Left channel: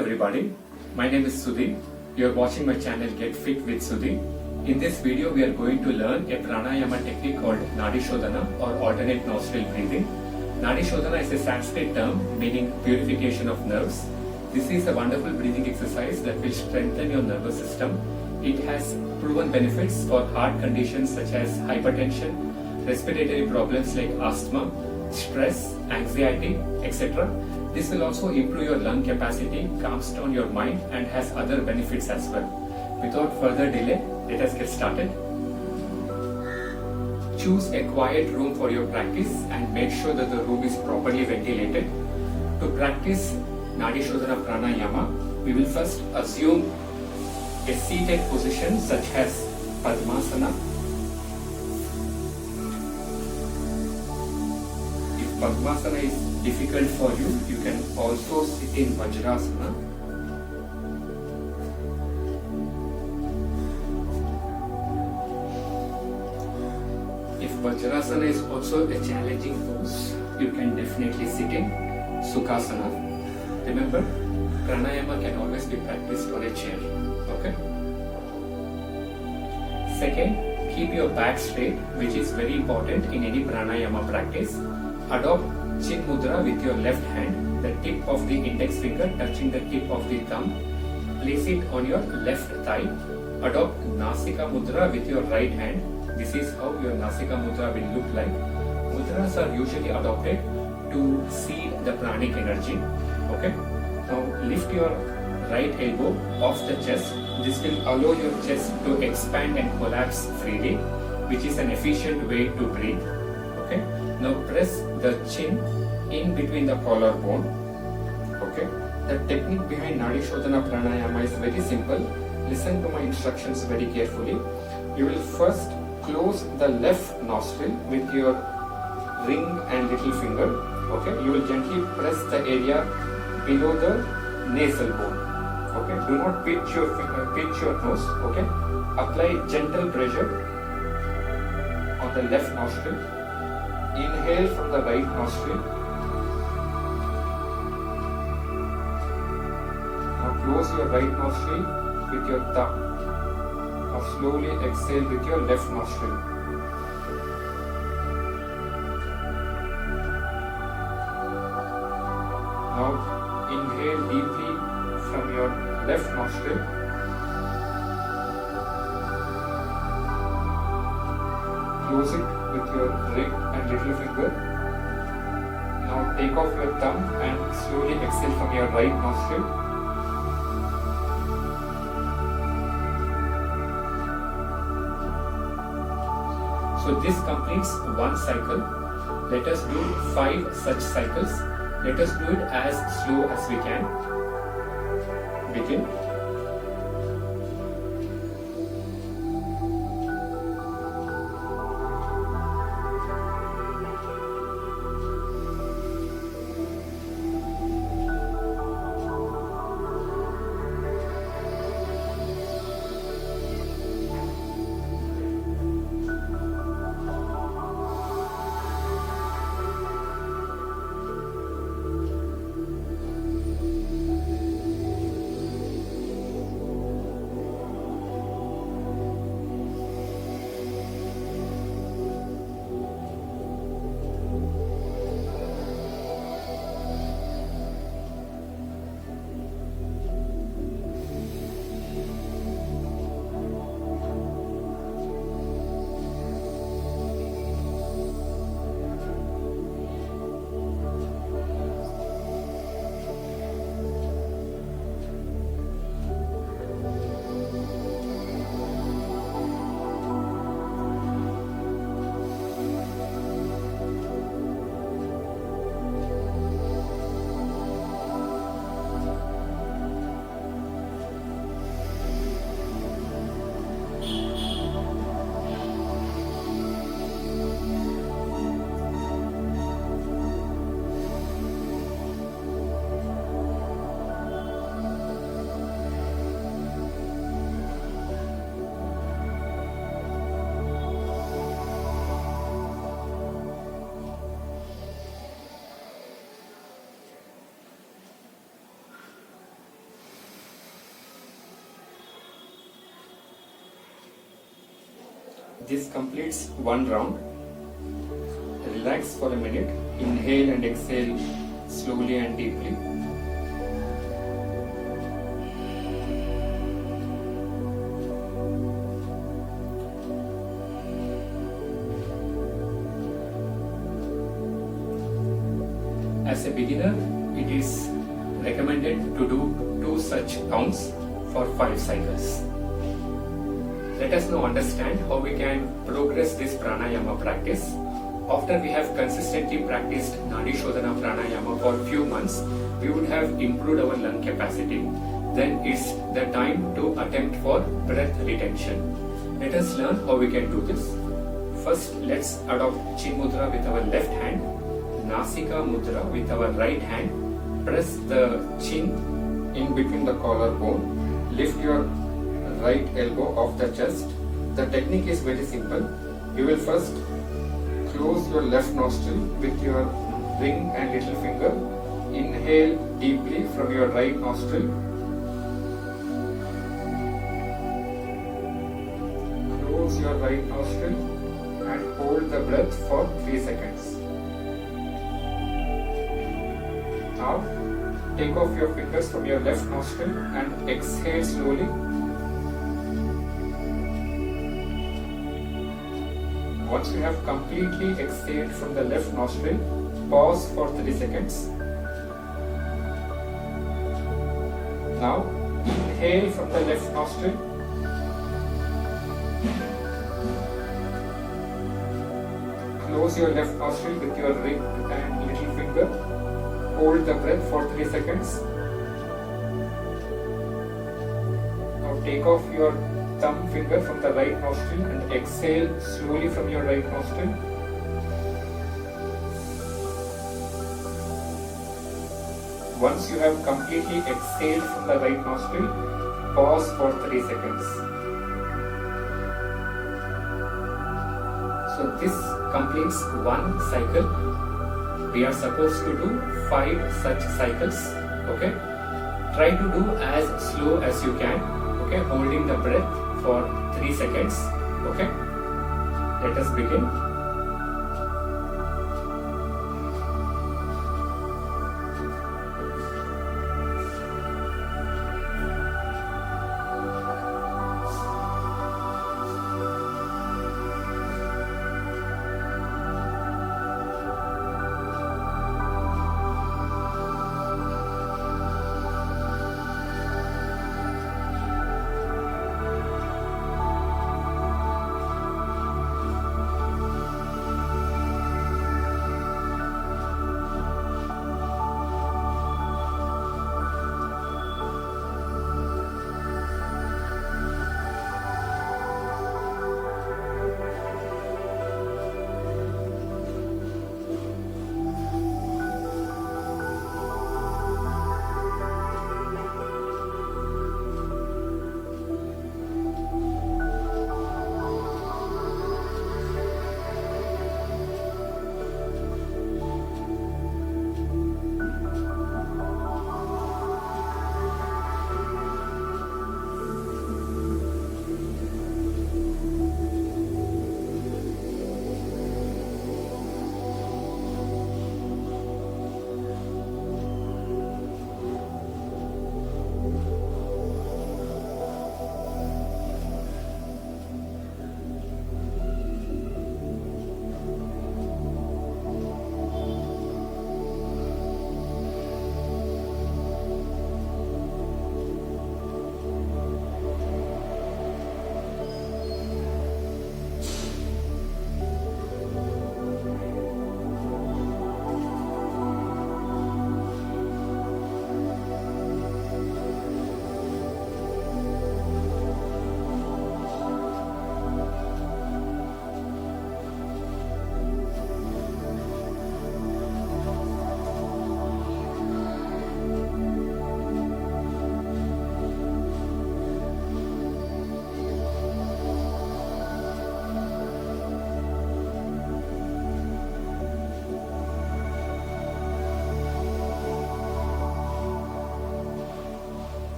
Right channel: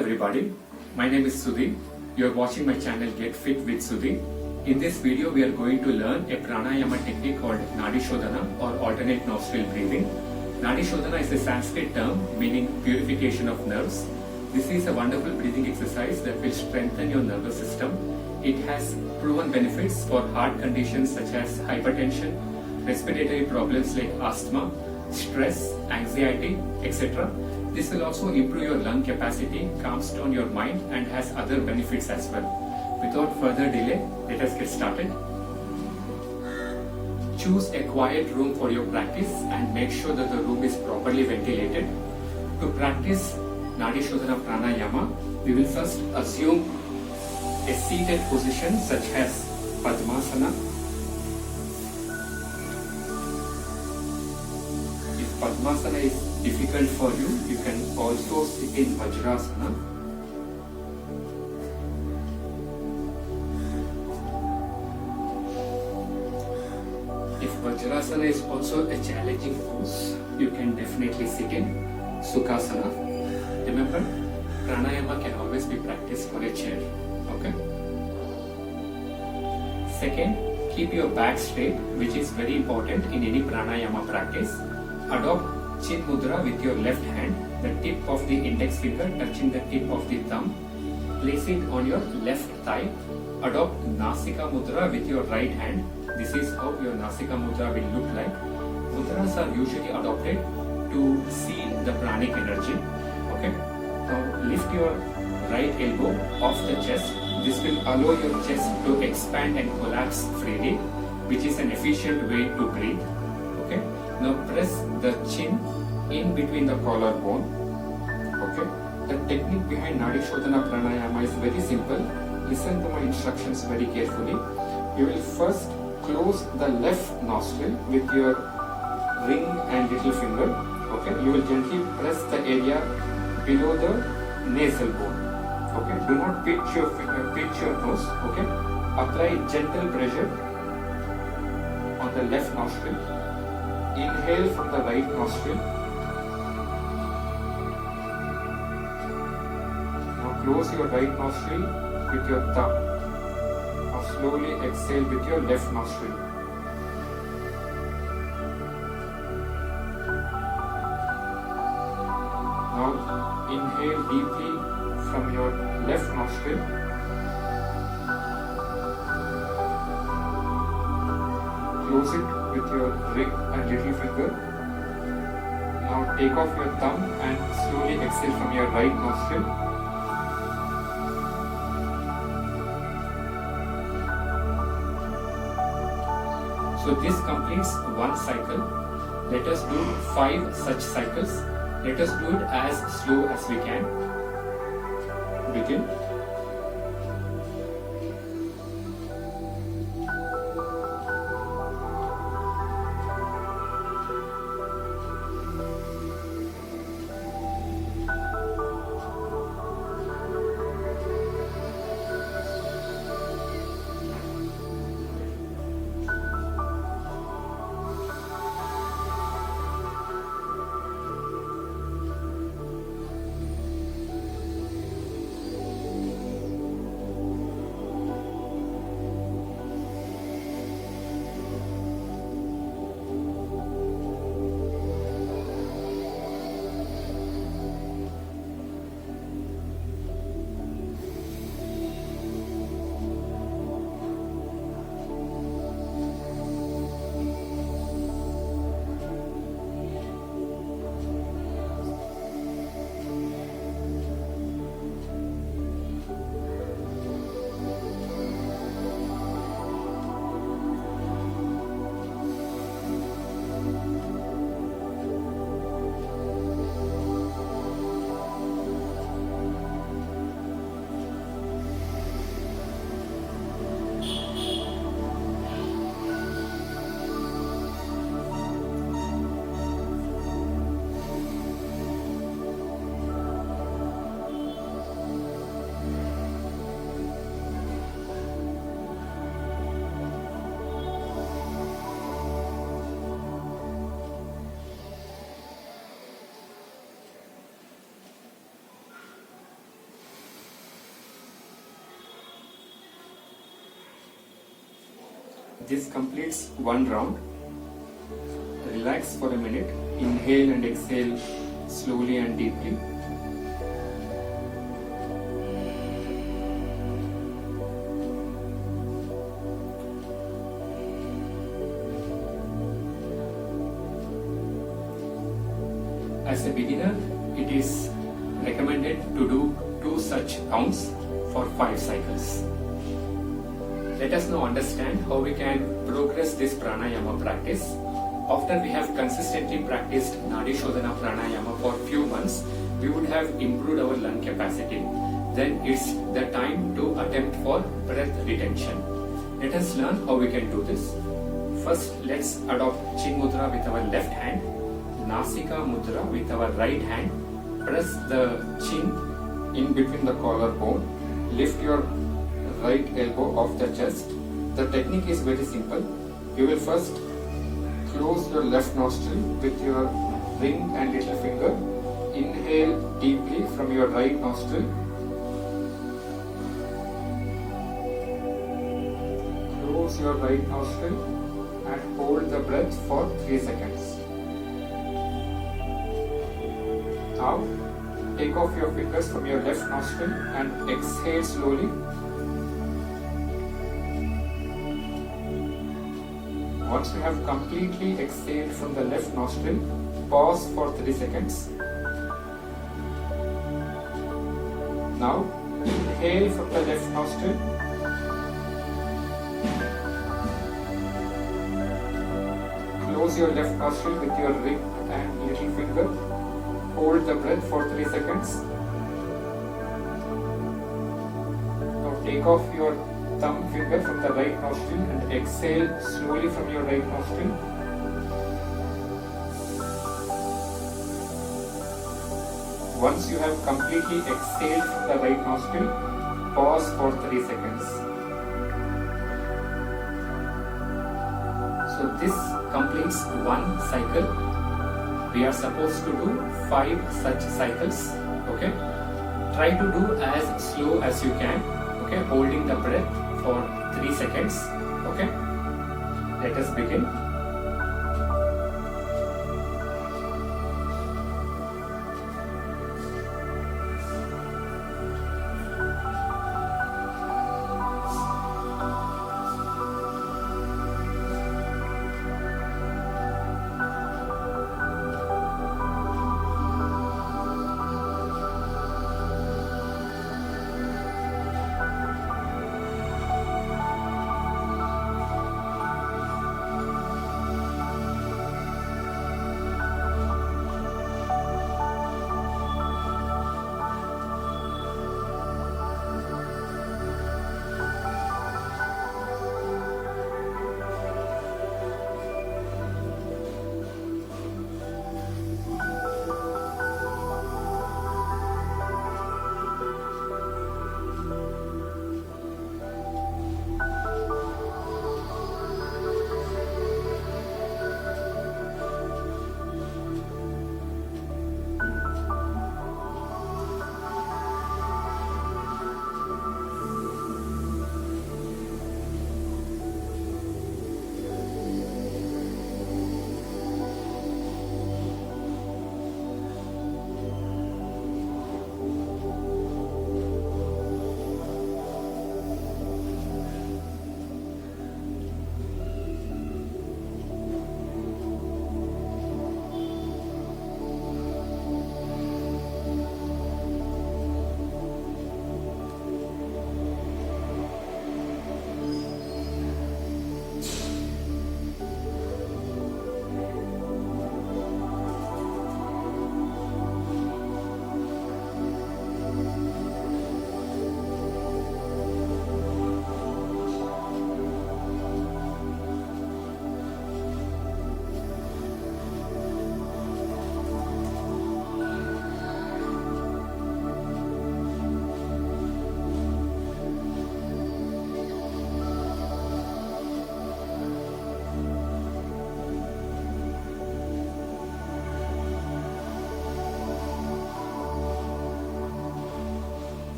everybody, my name is Sudhi. You are watching my channel Get Fit with Sudhi. In this video we are going to learn a pranayama technique called Nadi Shodhana or alternate nostril breathing. Nadi Shodhana is a Sanskrit term meaning purification of nerves. This is a wonderful breathing exercise that will strengthen your nervous system. It has proven benefits for heart conditions such as hypertension, respiratory problems like asthma, stress, anxiety, etc. This will also improve your lung capacity, calms down your mind and has other benefits as well. Without further delay, let us get started. Choose a quiet room for your practice and make sure that the room is properly ventilated. To practice Nadi Shodhana Pranayama, we will first assume a seated position such as Padmasana. If Padmasana is difficult for you, you can also sit in Vajrasana. If Vajrasana is also a challenging pose, you can definitely sit in Sukhasana. Remember, pranayama can always be practiced on a chair. Okay? Second, keep your back straight, which is very important in any pranayama practice. Adopt Chin Mudra with your left hand, the tip of the index finger touching the tip of the thumb. Place it on your left thigh. Adopt Nasika Mudra with your right hand. This is how your Nasika Mudra will look like. Mudras are usually adopted to seal the pranic energy. Okay. Now lift your right elbow off the chest. This will allow your chest to expand and collapse freely, which is an efficient way to breathe. Okay. Now press the chin in between the collarbone. Okay. The technique behind Nadi Shodhana Pranayama is very simple. Listen to my instructions very carefully. You will first close the left nostril with your ring and little finger. Okay. You will gently press the area below the nasal bone. Okay. Do not pinch your finger, pinch your nose. Okay. Apply gentle pressure on the left nostril. Inhale from the right nostril. Now close your right nostril with your thumb. Now slowly exhale with your left nostril. Now inhale deeply from your left nostril. Close it with your ring and little finger. Now take off your thumb and slowly exhale from your right nostril. So this completes one cycle. Let us do 5 such cycles. Let us do it as slow as we can. Begin. This completes one round. Relax for a minute. Inhale and exhale slowly and deeply. As a beginner, it is recommended to do 2 such rounds for 5 cycles. Let us now understand how we can progress this pranayama practice. After we have consistently practiced Nadi Shodhana pranayama for few months, we would have improved our lung capacity. Then it's the time to attempt for breath retention. Let us learn how we can do this. First, let's adopt Chin Mudra with our left hand, Nasika Mudra with our right hand. Press the chin in between the collarbone. Lift your right elbow off the chest. The technique is very simple. You will first close your left nostril with your ring and little finger. Inhale deeply from your right nostril. Close your right nostril and hold the breath for 3 seconds. Now, take off your fingers from your left nostril and exhale slowly. Once you have completely exhaled from the left nostril, pause for 3 seconds. Now, inhale from the left nostril. Close your left nostril with your ring and little finger. Hold the breath for 3 seconds. Now take off your thumb finger from the right nostril and exhale slowly from your right nostril. Once you have completely exhaled from the right nostril, pause for 3 seconds. So this completes one cycle. We are supposed to do 5 such cycles. Okay, try to do as slow as you can. Okay, holding the breath for 3 seconds. Okay, let us begin.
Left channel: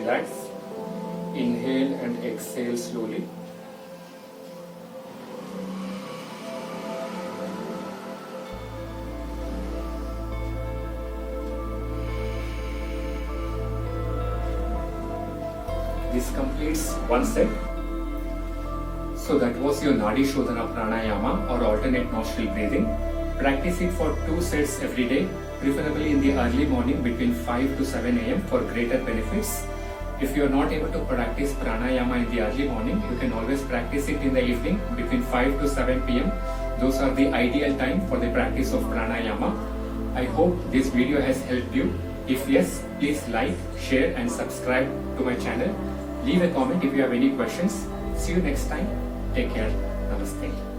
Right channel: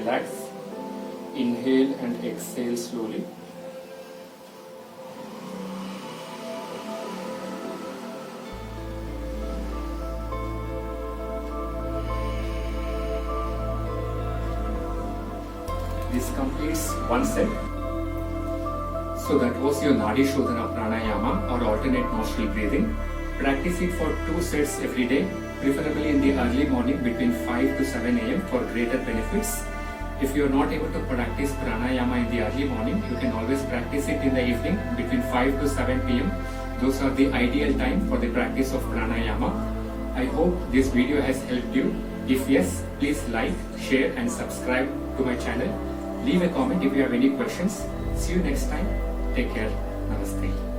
relax. Inhale and exhale slowly. This completes one set. So that was your Nadi Shodhana Pranayama or alternate nostril breathing. Practice it for 2 sets every day, preferably in the early morning between 5 to 7 am for greater benefits. If you are not able to practice pranayama in the early morning, you can always practice it in the evening between 5 to 7 pm. Those are the ideal time for the practice of pranayama. I hope this video has helped you. If yes, please like, share and subscribe to my channel. Leave a comment if you have any questions. See you next time. Take care. Namaste.